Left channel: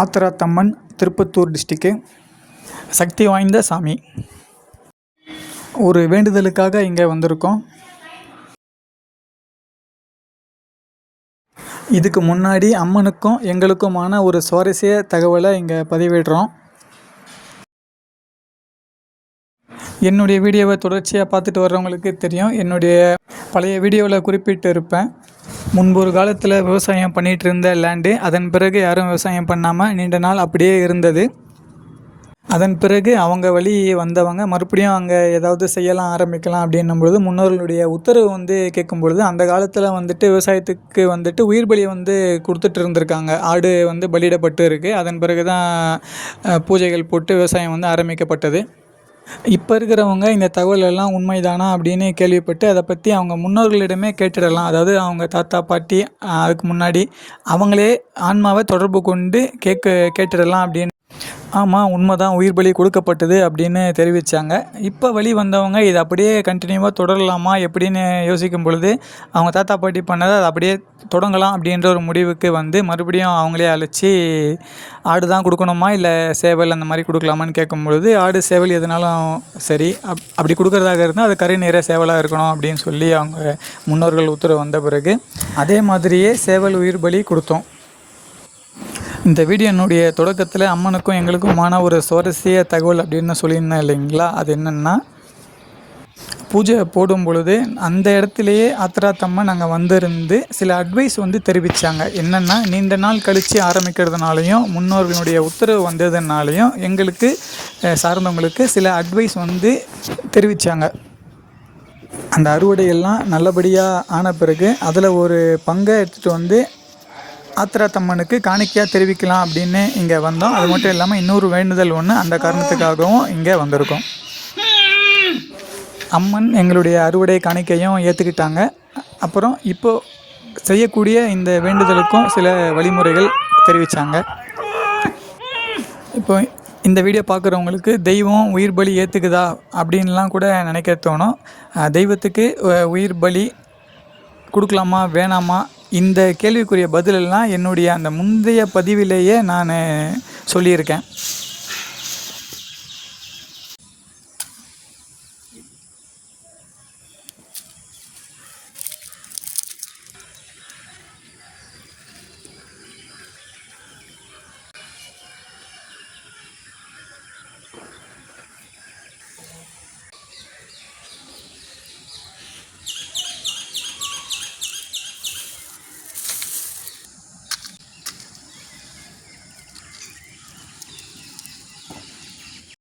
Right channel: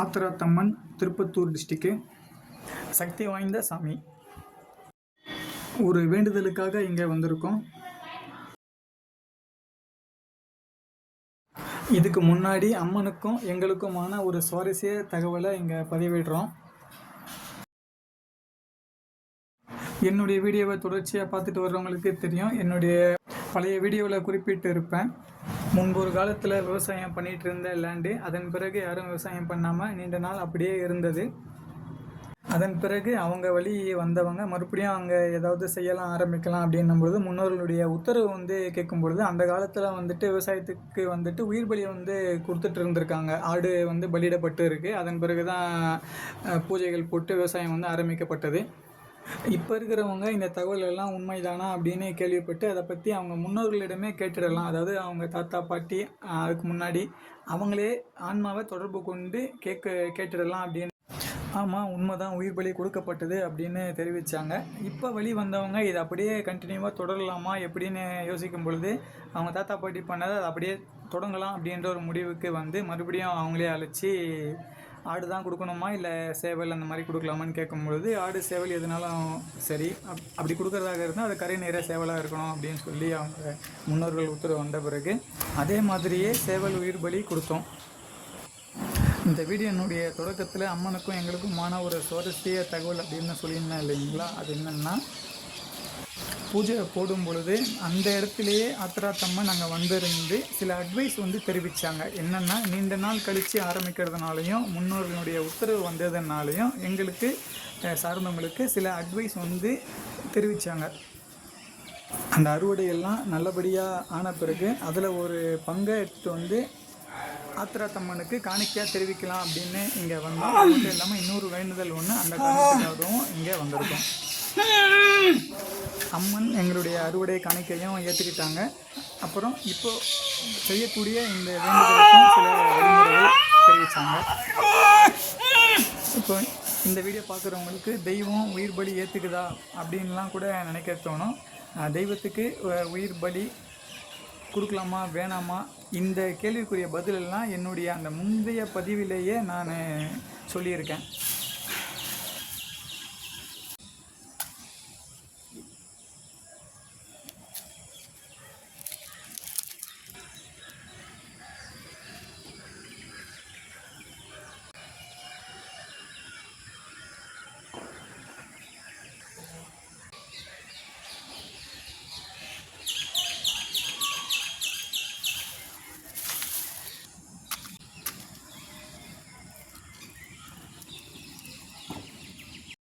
ஆத்திராத்தம்மன் திருப்பத்தூர் டிஸ்ட்ரிக்கு. சக்தி வாய்ந்த சாமி. ஒரு வேண்டுதலுக்காக இங்கே வந்திருக்கோம். இதுக்கு முன்னாடி அம்மனுக்கும் எங்களுக்குமான ஒரு சுவாரஸ்ய தகவலை இங்கே பதிவிடுறோம். என்னுடைய வீடியோவை தொடர்ச்சியாக பார்த்துட்டு வர்றவங்களுக்கு தெரியும். என்னுடைய பழைய வீடியோவில் குறிப்பிட்டு இருப்பேன். முன்பு ஒரு காலத்தில் விவசாயம் பண்ணிகிட்டு இருந்த லேண்டு, அதன் பிறகு யாரும் விவசாயம் பண்ணாமல் நீண்ட நாள் அப்படியே இருந்தது. அதன் பிறகு அவங்க வழி வந்தவங்க மறுபடியும் அங்கே ஏதாவது செய்யலாம் ஆரம்பிக்கலாம் அப்படின்னும் பொழுது முன்னோர்களுடைய உத்தரவு கேட்கும் பொழுது, அந்த காலத்தில் விவசாயத்துக்கு உயிர் பலி கொடுத்துட்டு இருந்திருக்காங்க. ஆடு பலியிடப்பட்டு இருக்குது. அதன் பிறகு தான் பூஜைகள் போட்டு விவசாயம் ஆரம்பிக்கப்பட்டது. இப்போ இருக்கிறவங்க இந்த தகவல் எல்லாம் உண்மைதானா அப்படின்னு கேள்விப்பட்டு அதை பற்றி அவங்க முன்னோர்களிடமே கேட்டுடலாம். அதாவது அவங்க தாத்தா பாட்டி அதுக்கு முன்னாடி அவங்களே ஆன்மாவை தொடர்பு கொண்டு கேட்டுடலாம் அப்படின்னு. ஆமாம், உண்மைதான், உயிர் பலி கொடுக்கப்பட்டது அப்படின்னு தெரிவித்தாங்க. இப்போ வழி வந்தவங்க இதை அப்படியே கண்டினியூவாக தொடரலாமா எப்படின்னு யோசிக்கும் பொழுது, அவங்க தாத்தா பாட்டி பண்ணதை அதை அப்படியே தொடங்கலாம் அப்படின்ற ஒரு முடிவுக்கு மறுபடியும் அவங்களே அழைச்சி ஆடு தான் கொடுக்கணுமா இல்லை சேவல் அந்த மாதிரி கொடுக்கலாமான்னு கேட்கும் பொழுது, ஆடு சேவல் எதுனாலும் சரி, அப்படி கொடுக்குறதாக இருந்தால் அது கறி நிறைய சேவலாக இருக்கணும் அப்படின்னு சொல்லி அவங்க முன்னோர்கள் உத்தரவு வந்த பிறகு அதே மாதிரியே சேவல் உயிர் பலி கொடுத்தோம். இந்த வீடியோனுடைய தொடக்கத்தில் அம்மனுக்கும் எங்களுக்குமான ஒரு சுவாரஸ்ய தகவல் அப்படின்னு சொல்லியிருந்தேன் இல்லைங்களா? அது என்னென்னா, பூஜை போடும் பொழுது அந்த இடத்துலையே ஆத்திராத்தம்மன் நாங்கள் வந்திருந்து சில அட்வைஸ் தெரிவித்தாங்க. என்னென்னா, நீண்ட நாள் கழித்து ஆரம்பிக்கிறதுனாலையும் முன்னோர்களுடைய உத்தரவு வந்ததுனாலையும் எங்களுக்கு சார்ந்தவங்களுக்கு சில அட்வைஸ் தெரிவித்தாங்க. அந்த அறுவடையெல்லாம் நல்லபடியாக ஆன பிறகு அதில் ஒரு பங்கை எடுத்துகிட்டு ஆத்திராத்தம்மனுக்கு காணிக்கையாக தெரிவிக்கலாம் அப்படின்னு இங்கே வந்தோம். அது மட்டும் இல்லாமல் இன்னொரு வேண்டுதல் அந்த காரணத்துக்காகவும் இங்கே வந்திருக்கோம். அம்மன் எங்களுடைய அறுவடை காணிக்கையும் ஏற்றுக்கிட்டாங்க. அப்புறம் இப்போது செய்யக்கூடிய இந்த வேண்டுதலுக்கும் சில வழிமுறைகள் தெரிவித்தாங்க. இப்போ இந்த வீடியோ பார்க்குறவங்களுக்கு தெய்வம் உயிர் பலி ஏற்றுக்குதா அப்படின்லாம் கூட நினைக்க தோணும். தெய்வத்துக்கு உயிர் பலி கொடுக்கலாமா வேணாமா, இந்த கேள்விக்குரிய பதிலெல்லாம் என்னுடைய அந்த முந்தைய பதிவிலேயே நான் சொல்லியிருக்கேன்.